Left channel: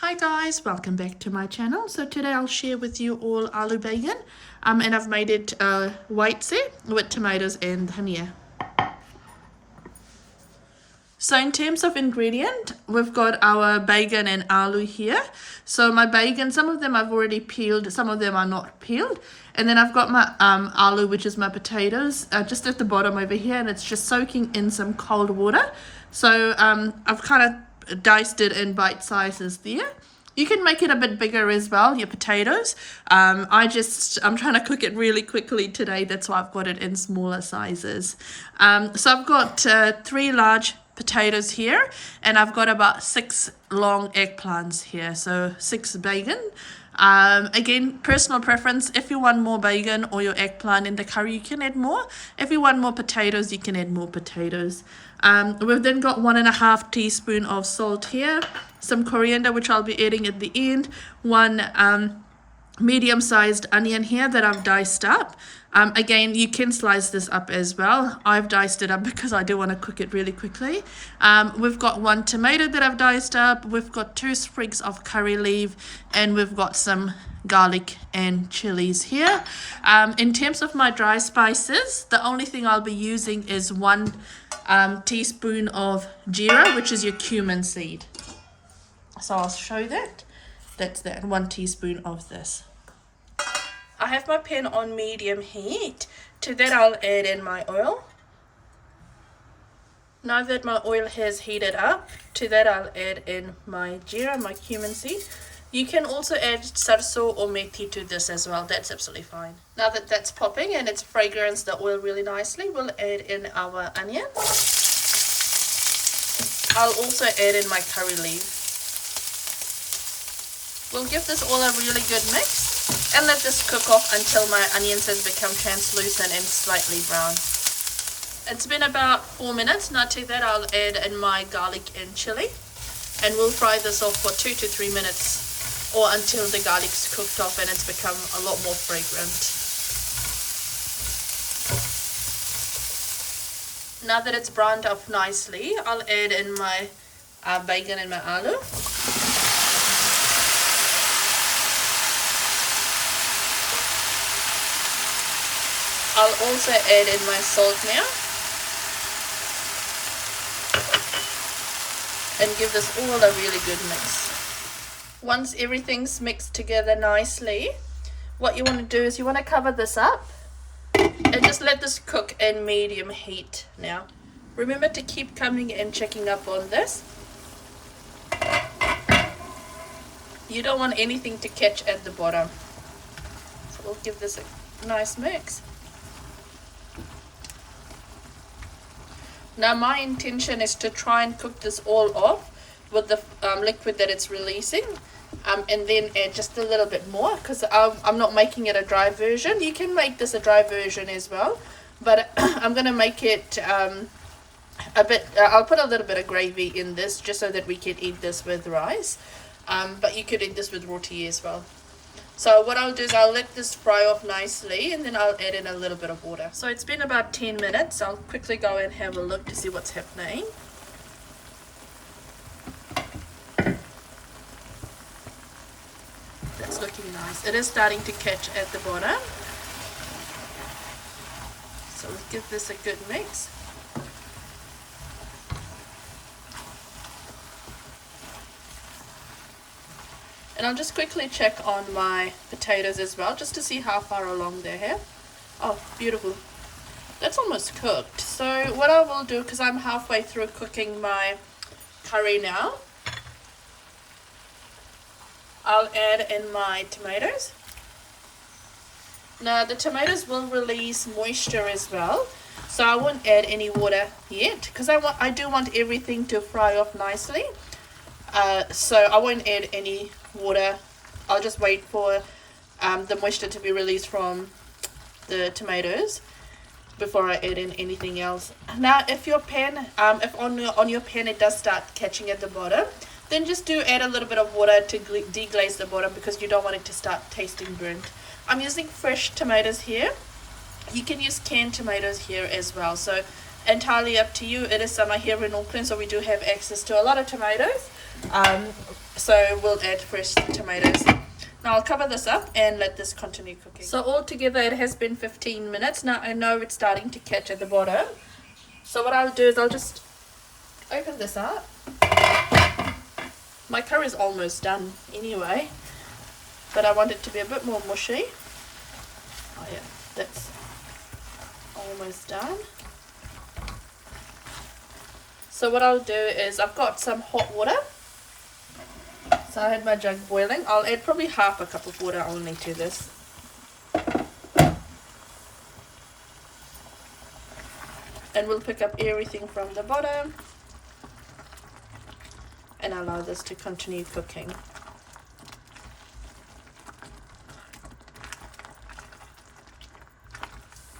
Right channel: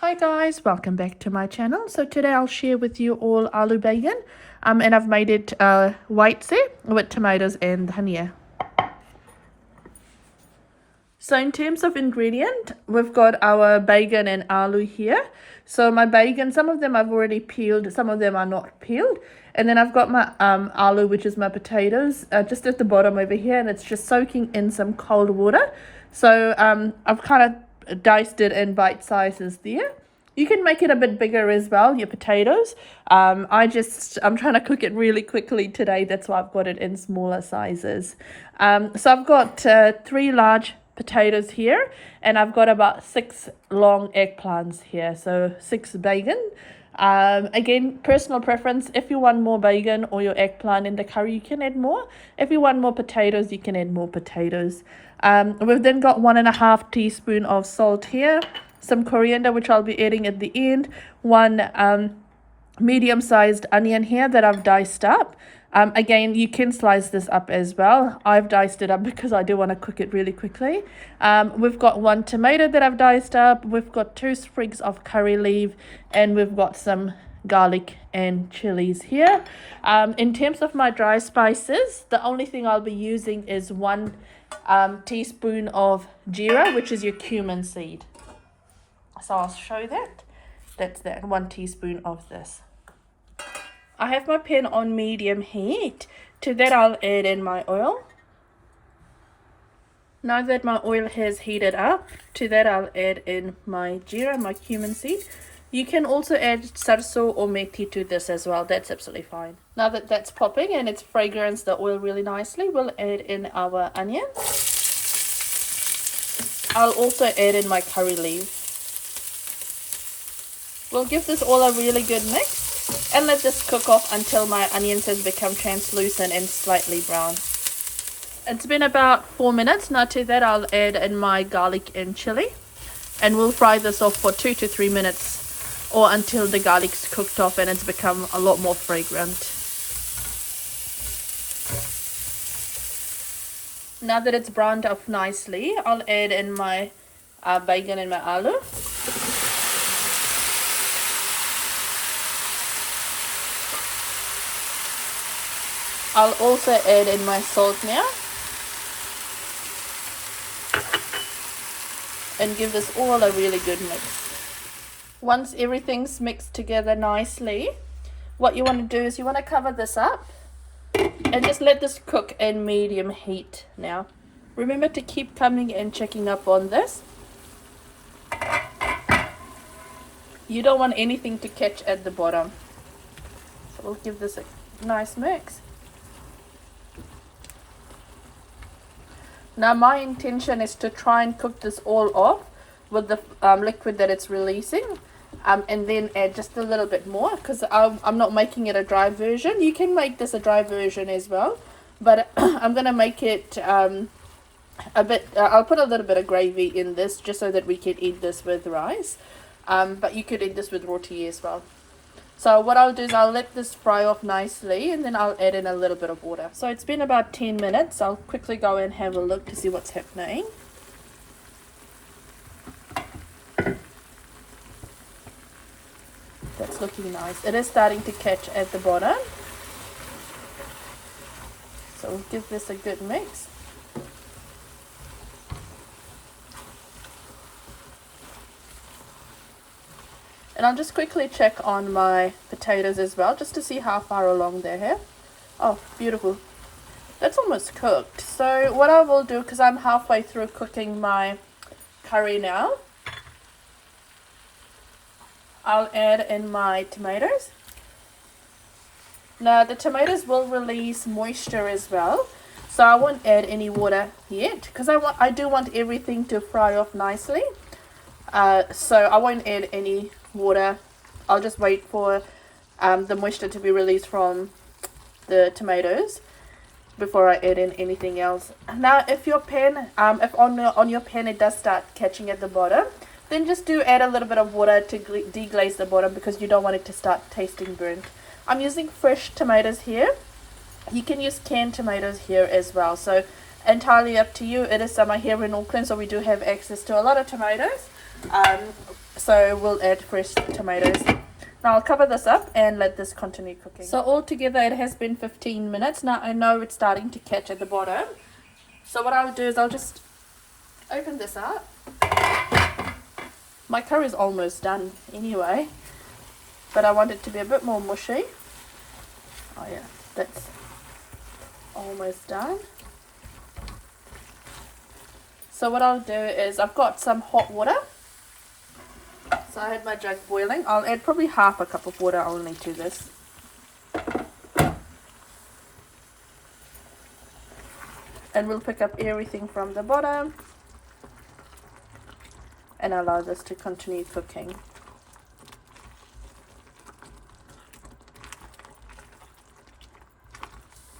Hi guys, welcome back to my channel. So today I'll share with you all Alu Baigan, and I've made it white set with tomatoes and dhania. So in terms of ingredient, we've got our baigan and aloo here. So my baigan, some of them I've already peeled, some of them are not peeled. And then I've got my aloo, which is my potatoes, just at the bottom over here, and it's just soaking in some cold water. So I've kind of diced it in bite sizes there. You can make it a bit bigger as well, your potatoes. I'm trying to cook it really quickly today. That's why I've got it in smaller sizes. So I've got 3 large potatoes here, and I've got about 6 long eggplants here. So 6 baigan. Again, personal preference. If you want more baigan or your eggplant in the curry, you can add more. If you want more potatoes, you can add more potatoes. We've then got 1.5 teaspoon of salt here, some coriander, which I'll be adding at the end, 1 medium-sized onion here that I've diced up. Again, you can slice this up as well. I've diced it up because I do want to cook it really quickly. We've got 1 tomato that I've diced up. We've got 2 sprigs of curry leaf, and we've got some garlic and chilies here. In terms of my dry spices, the only thing I'll be using is 1 teaspoon of jeera, which is your cumin seed. So I'll show that. That's that, 1 teaspoon of this. I have my pan on medium heat. To that I'll add in my oil. Now that my oil has heated up, to that I'll add in my jeera, my cumin seed. You can also add sarso or methi to this as well. That's absolutely fine. Now that that's popping and it's fragranced the oil really nicely, we'll add in our onion. I'll also add in my curry leaf. We'll give this all a really good mix and let this cook off until my onions has become translucent and slightly brown. It's been about 4 minutes. Now to that I'll add in my garlic and chili, and we'll fry this off for 2 to 3 minutes or until the garlic's cooked off and it's become a lot more fragrant. Now that it's browned up nicely, I'll add in my baigan and my aloo. I'll also add in my salt now and give this all a really good mix. Once everything's mixed together nicely, what you want to do is you want to cover this up and just let this cook in medium heat now. Remember to keep coming and checking up on this. You don't want anything to catch at the bottom. So we'll give this a nice mix. Now my intention is to try and cook this all off with the liquid that it's releasing, and then add just a little bit more because I'm not making it a dry version. You can make this a dry version as well, but I'm going to make it a bit, I'll put a little bit of gravy in this just so that we can eat this with rice, but you could eat this with roti as well. So what I'll do is I'll let this fry off nicely and then I'll add in a little bit of water. So it's been about 10 minutes. I'll quickly go and have a look to see what's happening. That's looking nice. It is starting to catch at the bottom. So we'll give this a good mix. And I'll just quickly check on my potatoes as well, just to see how far along they're here. Oh, beautiful. That's almost cooked. So what I will do, because I'm halfway through cooking my curry now, I'll add in my tomatoes. Now the tomatoes will release moisture as well, so I won't add any water yet, because I do want everything to fry off nicely. So I won't add any water. I'll just wait for the moisture to be released from the tomatoes before I add in anything else. Now if your pan, if on your pan it does start catching at the bottom, then just do add a little bit of water to deglaze the bottom because you don't want it to start tasting burnt. I'm using fresh tomatoes here. You can use canned tomatoes here as well, so entirely up to you. It is summer here in Auckland, so we do have access to a lot of tomatoes. So we'll add fresh tomatoes. Now I'll cover this up and let this continue cooking. So altogether it has been 15 minutes. Now I know it's starting to catch at the bottom. So what I'll do is I'll just open this up. My curry is almost done anyway, but I want it to be a bit more mushy. Oh yeah, that's almost done. So what I'll do is I've got some hot water. So I had my jug boiling. I'll add probably half a cup of water only to this. And we'll pick up everything from the bottom and allow this to continue cooking.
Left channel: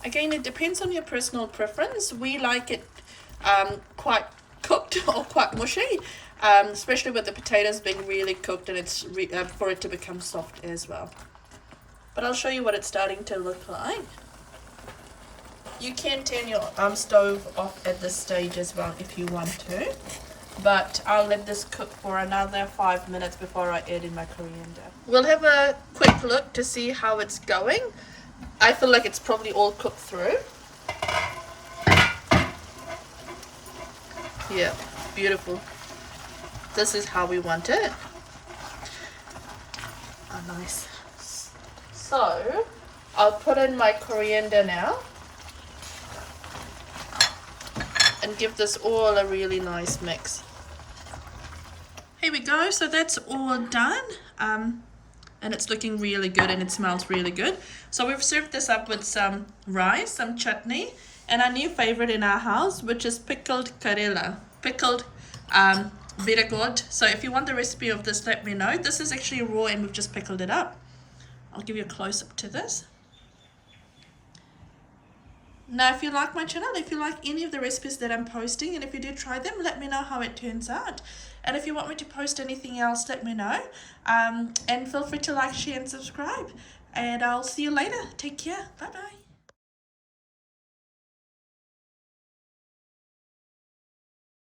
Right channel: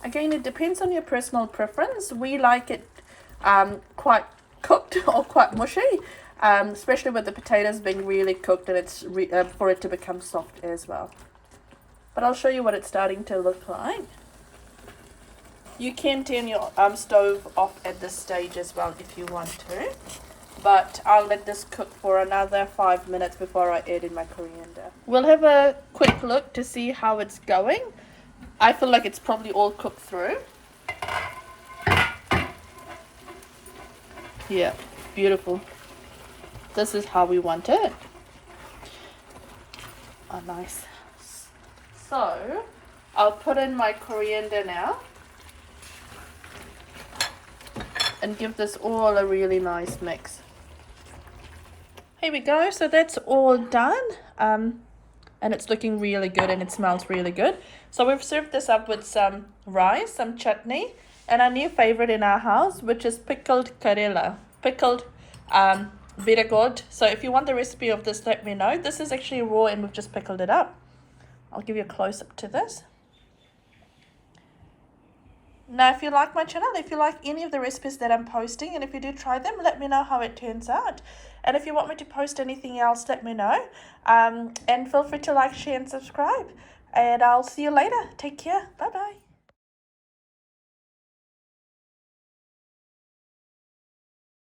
Again, it depends on your personal preference. We like it quite cooked or quite mushy, especially with the potatoes being really cooked, and it's for it to become soft as well. But I'll show you what it's starting to look like. You can turn your stove off at this stage as well if you want to, but I'll let this cook for another 5 minutes before I add in my coriander. We'll have a quick look to see how it's going. I feel like it's probably all cooked through. Yeah, beautiful. This is how we want it. Oh, nice. So I'll put in my coriander now and give this all a really nice mix. Here we go. So that's all done, and it's looking really good and it smells really good. So we've served this up with some rice, some chutney, and our new favorite in our house, which is pickled karela, pickled bitter gourd. So if you want the recipe of this, let me know. This is actually raw and we've just pickled it up. I'll give you a close up to this. Now, if you like my channel, if you like any of the recipes that I'm posting, and if you do try them, let me know how it turns out. And if you want me to post anything else, let me know. And feel free to like, share, and subscribe. And I'll see you later. Take care. Bye-bye.